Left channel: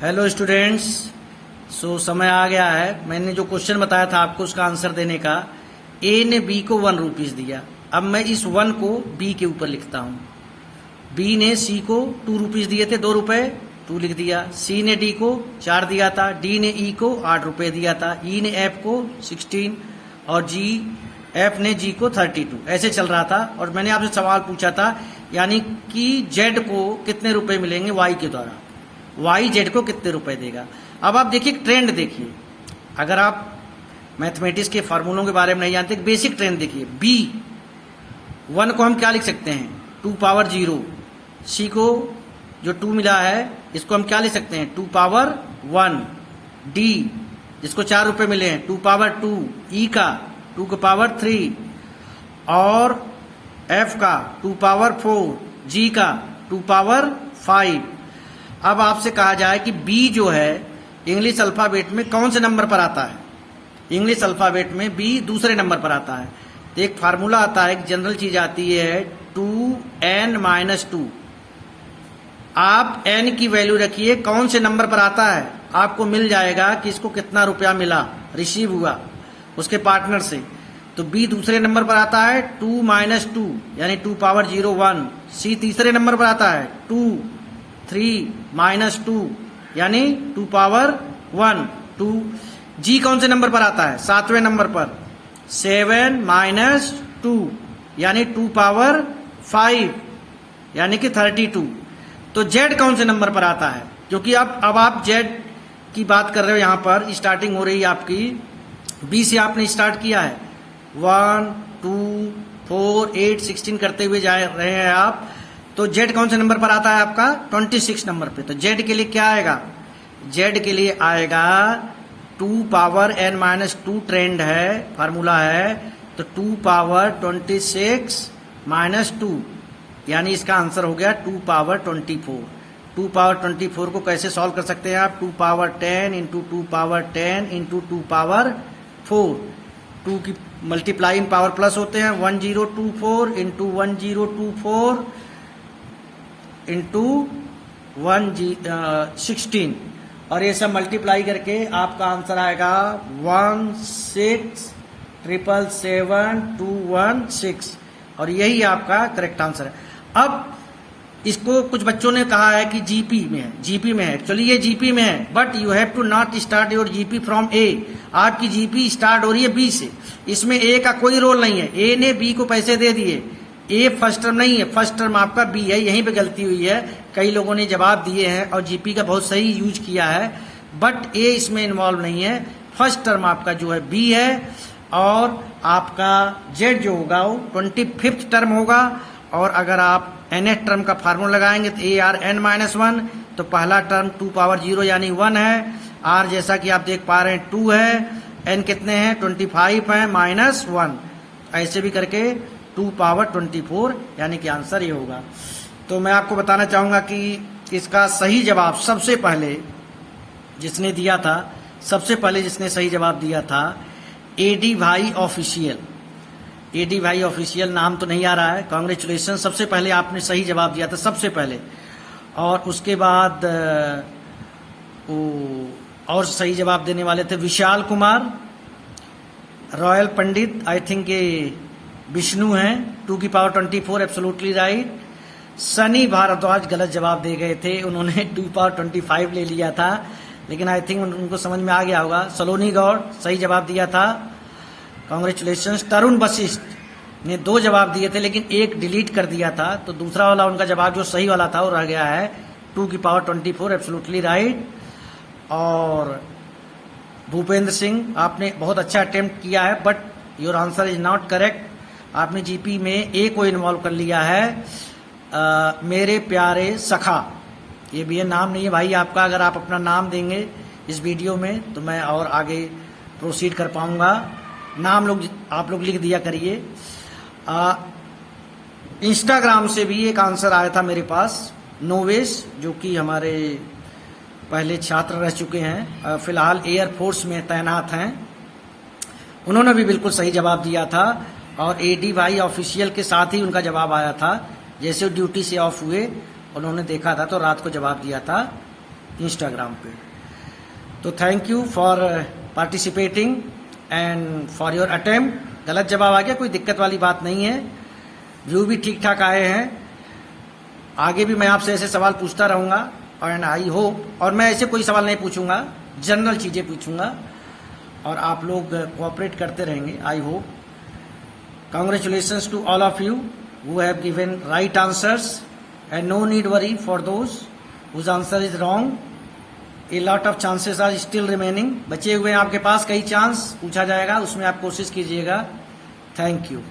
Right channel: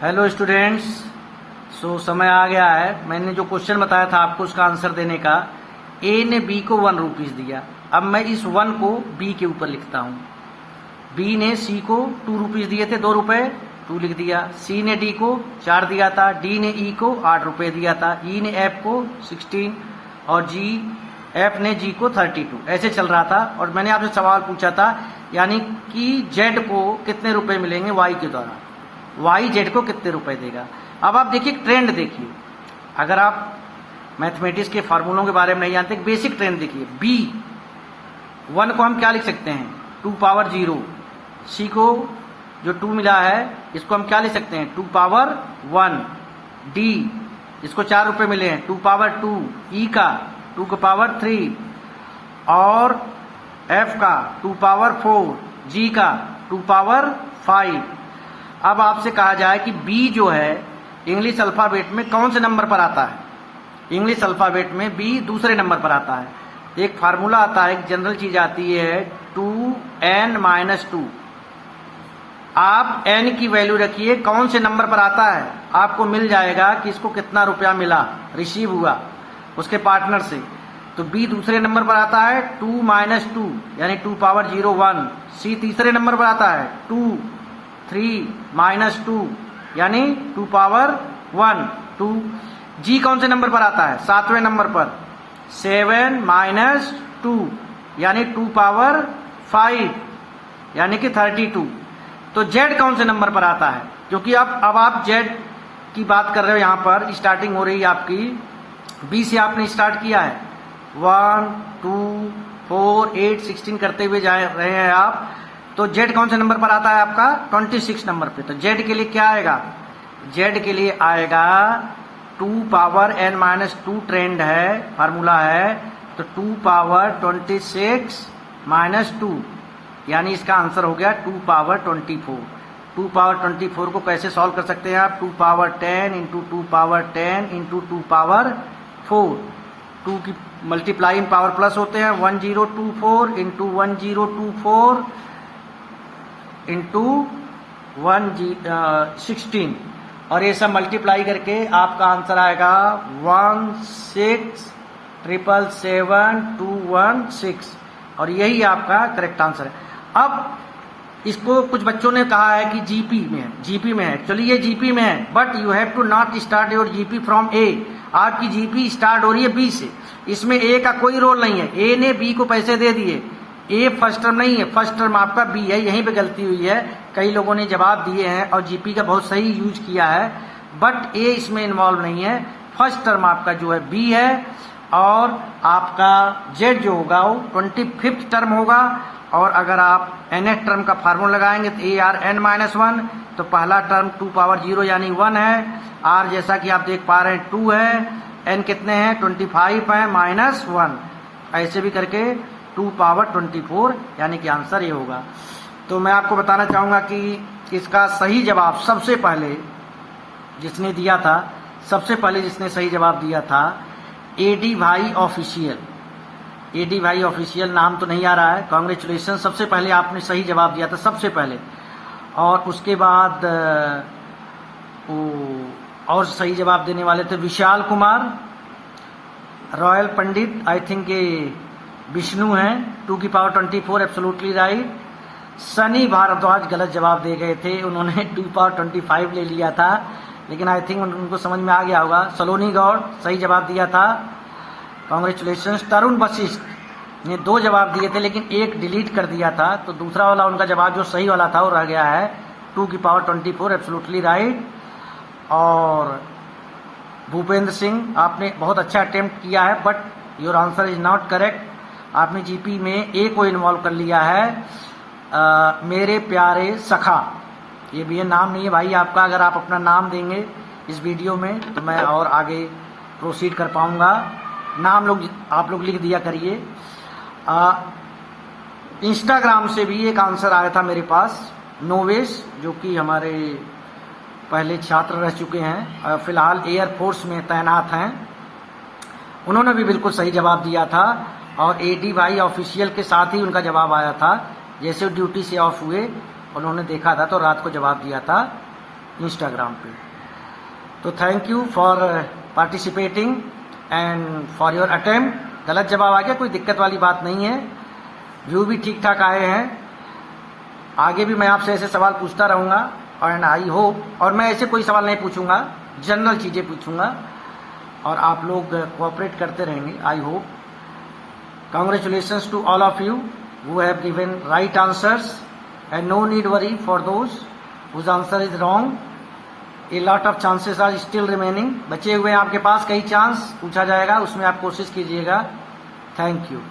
Hello students. समय आ गया है। मैंने जो क्वेश्चन बताया था आपको उसका आंसर देने का। ए ने बी को 1 रुपीज़ दिया। अब मैं इस 1 को बी के ऊपर लिखता हूँ। बी ने सी को 2 रुपीज़ दिए थे, 2 रुपये, 2 लिख दिया। सी ने डी को 4 दिया था। डी ने ई को 8 रुपये दिया था। ई ने एफ को 16 और एफ ने जी को 32। ऐसे चल रहा था और मैंने आपसे सवाल पूछा था, यानी कि जेड को कितने रुपए मिलेंगे वाई के द्वारा, वाई जेड को कितने रुपए देगा। अब आप देखिए ट्रेंड देखिए, अगर आप मैथमेटिक्स के फार्मूलों के बारे में नहीं जानते, बेसिक ट्रेंड देखिए। बी 1 को हम क्या लिख सकते हैं, 2 पावर 0। सी को जो 2 मिला है इसको हम क्या लिख सकते हैं, 2 पावर 1। डी जिसको 4 रुपए मिले हैं, 2 पावर 2। ई का 2 को पावर 3 और एफ का 2 पावर 4। जी का 2 पावर 5। अब आपसे कहा जाए कि बी जो है इंग्लिश अल्फाबेट में कौन से नंबर पर आता है। इंग्लिश अल्फाबेट में बी दूसरे नंबर पर आता है। तो एक फार्मूला आता है, एक जनरल चीज आती है 2n-2। आप n की वैल्यू रखिए कौन से नंबर पर आता है, आपको मिल जाएगा कि इसको कितना रुपया मिला, रिसीव हुआ उसके पार्टनर से। तो बी दूसरे नंबर पर आता है 2-2 यानी 2 पावर 0 1। सी तीसरे नंबर पर आता है 2 3-2 यानी 2 पावर 1 2। जी कौन से नंबर पर आता है, 7वें नंबर पर 7-2 यानी 2 पावर 5 यानी कि 32। तो जेड कौन से नंबर पर आता है, क्योंकि अब आप जेड की बात कर रहे हो, यहां पर स्टार्टिंग हो रही है आपकी बी से, आपने स्टार्ट किया है 1 2 4 8 16 करते हुए जा रहे हैं आप। तो जेड कौन से नंबर पर आता है आपका, 26 नंबर पे। तो जेड के लिए क्या आएगा, जेड के लिए आएगा 2 पावर n-2 ट्रेंड है, फार्मूला है। तो 2 पावर 26 -2 यानी इसका आंसर हो गया 2 पावर 24। 2 पावर 24 को कैसे सॉल्व कर सकते हैं आप, 2 power 10 into 2 power 10 into 2 power 4। 2 की मल्टीप्लाई पावर प्लस होते हैं, 1024 इंटू 1024 इंटू 16 और ये सब मल्टीप्लाई करके आपका आंसर आएगा 1677721 और यही आपका करेक्ट आंसर है। अब इसको कुछ बच्चों ने कहा है कि जीपी में है, जीपी में है। एक्चुअली ये जीपी में है, but you have to not start your GP from A. आपकी जीपी स्टार्ट हो रही है बी से, इसमें ए का कोई रोल नहीं है। ए ने बी को पैसे दे दिए, ए फर्स्ट टर्म नहीं है, फर्स्ट टर्म आपका बी है। यहीं पे गलती हुई है, कई लोगों ने जवाब दिए हैं और जीपी का बहुत सही यूज किया है, बट ए इसमें इन्वॉल्व नहीं है। फर्स्ट टर्म आपका जो है बी है और आपका जेड जो होगा वो 25th टर्म होगा। और अगर आप nth टर्म का फार्मूला लगाएंगे तो ए आर n-1, तो पहला टर्म 2 पावर 0 यानी 1 है। आर जैसा कि आप देख पा रहे हैं 2 है, n कितने हैं 25 है -1, ऐसे भी करके 2 पावर 24 यानी कि आंसर ये होगा। तो मैं आपको बताना चाहूंगा कि इसका सही जवाब सबसे पहले जिसने दिया था, सबसे पहले जिसने सही जवाब दिया था एडी भाई ऑफिशियल। एडी भाई ऑफिशियल नाम तो नहीं आ रहा है, कांग्रेचुलेशन। सबसे पहले आपने सही जवाब दिया था सबसे पहले, और उसके बाद और सही जवाब देने वाले थे Vishal Kumar, Royal Pandit, I think ये विष्णु हैं, 2 की power 24 absolutely right. Sunny Bhardwaj गलत जवाब दे गए थे, उन्होंने 2 पावर 25 ले लिया था, लेकिन आई थिंक उनको समझ में आ गया होगा। सलोनी गौड़ सही जवाब दिया था, कांग्रेचुलेशन। तरुण वशिष्ठ ने 2 जवाब दिए थे लेकिन एक डिलीट कर दिया था, तो दूसरा वाला उनका जवाब जो सही वाला था वो रह गया है 2 की पावर 24 एब्सोल्युटली राइट। और भूपेंद्र सिंह, आपने बहुत अच्छा अटेम्प्ट किया है but your answer is not correct. आपने जीपी में ए को इन्वॉल्व कर लिया है। मेरे प्यारे सखा, ये भी है, नाम नहीं है भाई आपका। अगर आप अपना नाम देंगे इस वीडियो में तो मैं और आगे प्रोसीड कर पाऊंगा। नाम आप लोग लिख दिया करिए। इंस्टाग्राम से भी एक आंसर आया था मेरे पास, नोवेश, जो कि हमारे पहले छात्र रह चुके हैं, फिलहाल एयरफोर्स में तैनात हैं। उन्होंने भी बिल्कुल सही जवाब दिया था और एडी भाई ऑफिशियल के साथ ही उनका जवाब आया था। जैसे ड्यूटी से ऑफ हुए उन्होंने देखा था तो रात को जवाब दिया था इंस्टाग्राम पे। तो thank you for participating and for your attempt. गलत जवाब आ गया, कोई दिक्कत वाली बात नहीं है, व्यू भी ठीक ठाक आए हैं। आगे भी मैं आपसे ऐसे सवाल पूछता रहूंगा एंड आई होप, और मैं ऐसे कोई सवाल नहीं पूछूंगा, जनरल चीजें पूछूंगा और आप लोग कोऑपरेट करते रहेंगे, I hope. Congratulations to all of you who have given right answers and no need worry for those whose answer is wrong. A lot of chances are still remaining, बचे हुए हैं आपके पास कई चांस पूछा जाएगा, उसमें आप कोशिश कीजिएगा। Thank you.